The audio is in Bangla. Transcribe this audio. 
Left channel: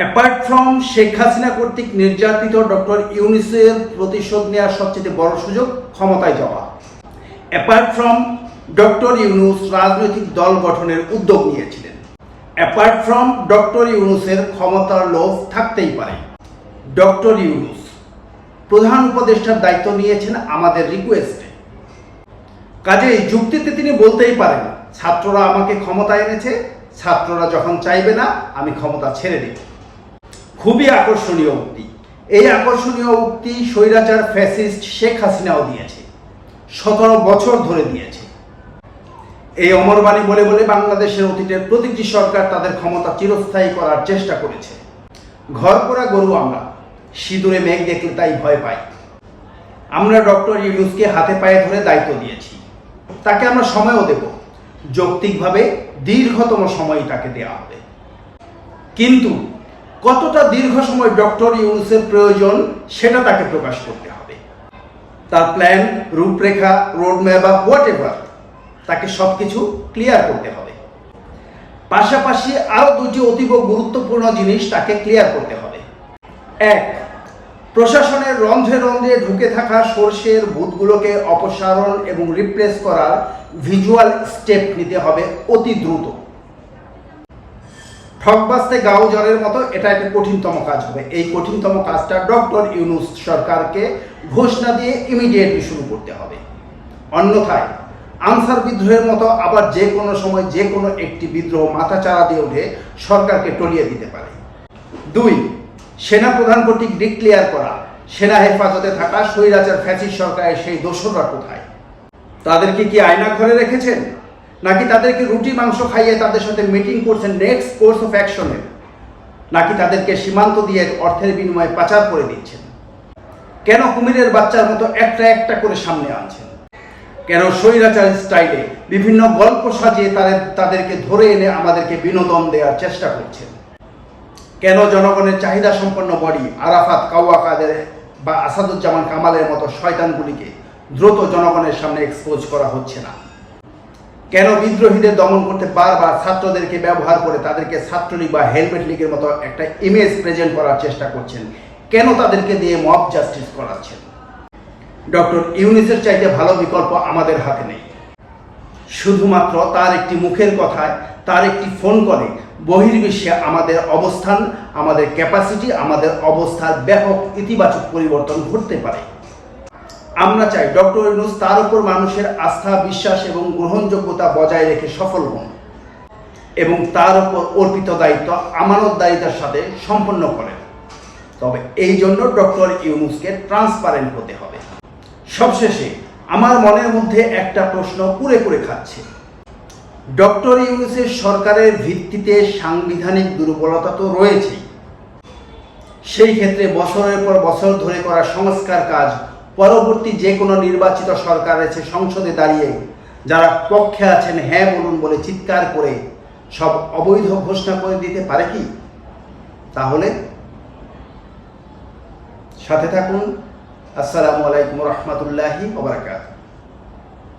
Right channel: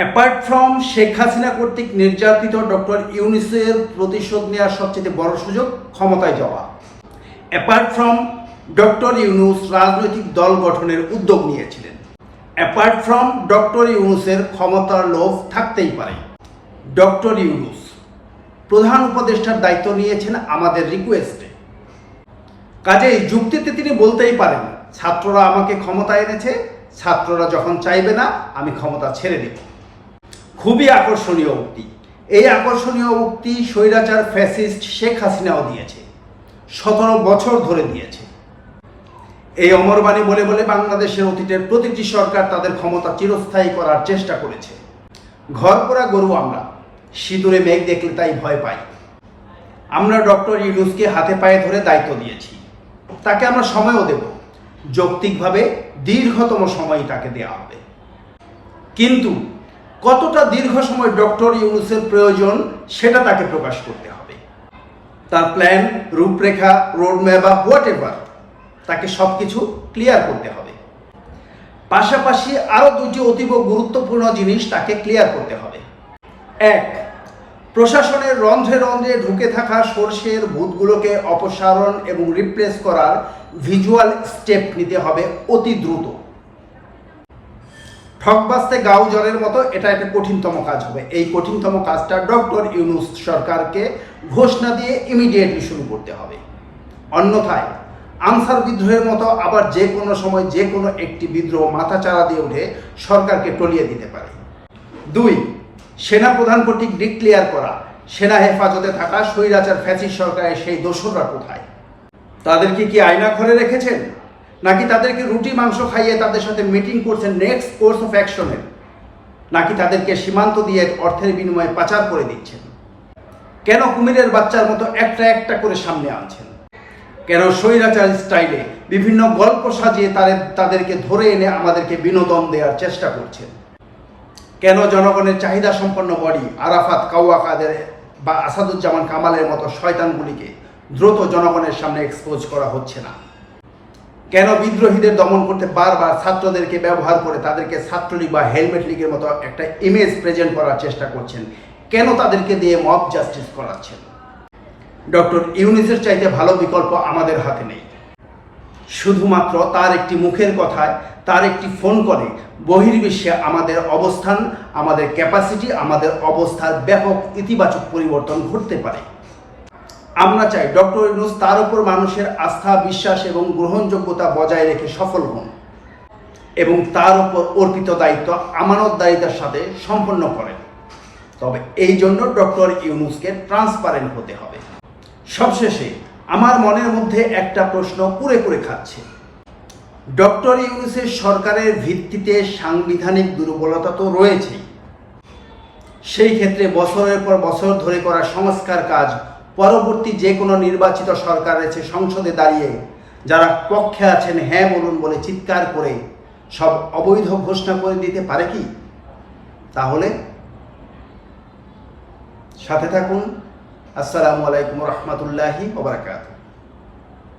অ্যাপার্ট ফ্রম শেখ হাসিনা কর্তৃক নির্যাতিত ডক্টর ইউনূসের প্রতিশোধ নেওয়ার সবচেয়ে বড় সুযোগ ক্ষমতায় যাওয়া। অ্যাপার্ট ফ্রম ডক্টর ইউনূস রাজনৈতিক দল গঠনের উদ্যোগ নিয়েছিলেন। অ্যাপার্ট ফ্রম ডক্টর ইউনূসের ক্ষমতার লোভ থাকতেই পারে। ডক্টর ইউনূস প্রধান উপদেষ্টার দায়িত্ব নিয়েছেন আমাদের রিকোয়েস্টে। কাজেই যুক্তিতে তিনি বলতেই পারেন, ছাত্ররা আমাকে ক্ষমতায় এনেছে, ছাত্ররা যখন চাইবে না আমি ক্ষমতা ছেড়ে দেব। খুবই আকর্ষণীয় উক্তি। এই আকর্ষণীয় উক্তি স্বৈরাচার ফ্যাসিস্ট শেখ হাসিনাও দিয়েছে, 17 বছর ধরে দিয়েছে। এই অমরবাণী বলে বলে বাংলাদেশের অতীতের প্রতিটি সরকার তাদের ক্ষমতা চিরস্থায়ী করার চেষ্টা করেছে। ঘর করা গরু আমরা, সিঁদুরে মেঘ দেখলে তাই ভয় পাই। আমরা ডক্টর ইউনূসকে হাতে পায়ে ধরে দায়িত্ব দিয়েছি, তাকে আমরা সময়ও দেব, যৌক্তিকভাবে দীর্ঘতম সময় তাকে দেওয়া হবে। কিন্তু কতটা দীর্ঘ সময় ডক্টর ইউনূসের প্রয়োজন সেটা তাকে প্রকাশ করতে হবে। তার প্ল্যান, রূপরেখা, রোডম্যাপ বা হোয়াট এভার, তাকে সব কিছু ক্লিয়ার করতে হবে। পাশাপাশি আরও দুটি অতীব গুরুত্বপূর্ণ জিনিস তাকে ক্লিয়ার করতে হবে। 1. প্রশাসনের রন্ধ্রে রন্ধ্রে ঢুকে থাকা সরষের ভূতগুলোকে অপসারণ এবং রিপ্লেস করার ভিজুয়াল স্টেপ নিতে হবে অতি দ্রুত। ঠকবাজতে গাও জ্বরের মতো এটা একটা কঠিনতম কাজ হবে। এই কঠিনতম কাজটা ডক্টর ইউনূস সরকারকে ঘোষণা দিয়ে ইমিডিয়েটলি শুরু করতে হবে। অন্যথায় আনসার বিদ্রোহের মতো আবার যে কোনো সময় যে কোনো একটি বিদ্রোহ মাথাচাড়া দিয়ে উঠে সরকারকে টলিয়ে দিতে পারে। 2. সেনাপ্রধান কর্তৃক ডিক্লেয়ার করা সেনা হেফাজতে থাকা স্বৈরাচার ফ্যাসিস্ট সরকারের সেই দোসররা কোথায়? তাদেরকে কি আয়না ঘরে রেখেছেন, নাকি তাদেরকে রুটি মাংস খাইয়ে তাদের সাথে মিটিং করছেন নেক্সট কোর্স অফ অ্যাকশনের, নাকি তাদেরকে সীমান্ত দিয়ে অর্থের বিনিময়ে পাচার করে দিচ্ছেন? কেন কুমিরের বাচ্চার মতো একটা একটা করে সামনে আনছেন? কেন স্বৈরাচার স্টাইলে বিভিন্ন গল্প সাজিয়ে তাদেরকে ধরে এনে আমাদেরকে বিনোদন দেওয়ার চেষ্টা করছেন? কেন জনগণের চাহিদা সম্পন্ন বডি আরাফাত, কাওয়া কাদের বা আসাদুজ্জামান কামালের মতো শয়তানগুলিকে দ্রুত জনগণের সামনে এক্সপোজ করা হচ্ছে না? কেন বিদ্রোহীদের দমন করতে বারবার ছাত্রদেরকে ব্যবহার করে তাদেরকে ছাত্রলীগ বা হেলমেট লীগের মতো একটা ইমেজ প্রেজেন্ট করার চেষ্টা করছেন? কেন তাদেরকে দিয়ে মব জাস্টিস করাচ্ছেন? ডক্টর ইউনূসের চাইতে ভালো বিকল্প আমাদের হাতে নেই। শুধুমাত্র তার একটি মুখের কথায়, তার একটি ফোন কলে বহির্বিশ্বে আমাদের অবস্থান, আমাদের ক্যাপাসিটি, আমাদের অবস্থার ব্যাপক ইতিবাচক পরিবর্তন ঘটতে পারে। আমরা চাই ডক্টর ইউনূস তার উপর মানুষের আস্থা, বিশ্বাস এবং গ্রহণযোগ্যতা বজায় রেখে সফল হন এবং তার উপর অর্পিত দায়িত্ব আমানতদারিতার সাথে সম্পন্ন করেন। তবে এই জন্য ডক্টর ইউনূসকে ট্রান্সপারেন্ট হতে হবে। সবশেষে আমার মনের মধ্যে একটা প্রশ্ন কুরে কুরে খাচ্ছে। ডক্টর ইউনূসের সরকারের ভিত্তিতে সাংবিধানিক দুর্বলতা তো রয়েছেই, সেই ক্ষেত্রে বছরের পর বছর ধরে করা সংস্কার কাজ পরবর্তী যে কোনো নির্বাচিত সরকার রয়েছে সংসদে দাঁড়িয়ে যারা পক্ষে আছেন হ্যাঁ বলুন বলে চিৎকার করে সব অবৈধ ঘোষণা করে দিতে পারে কি? তাহলে সাথে থাকুন। আসসালামু আলাইকুম রহমতুল্লাহি ওয়া বারাকাতুহু।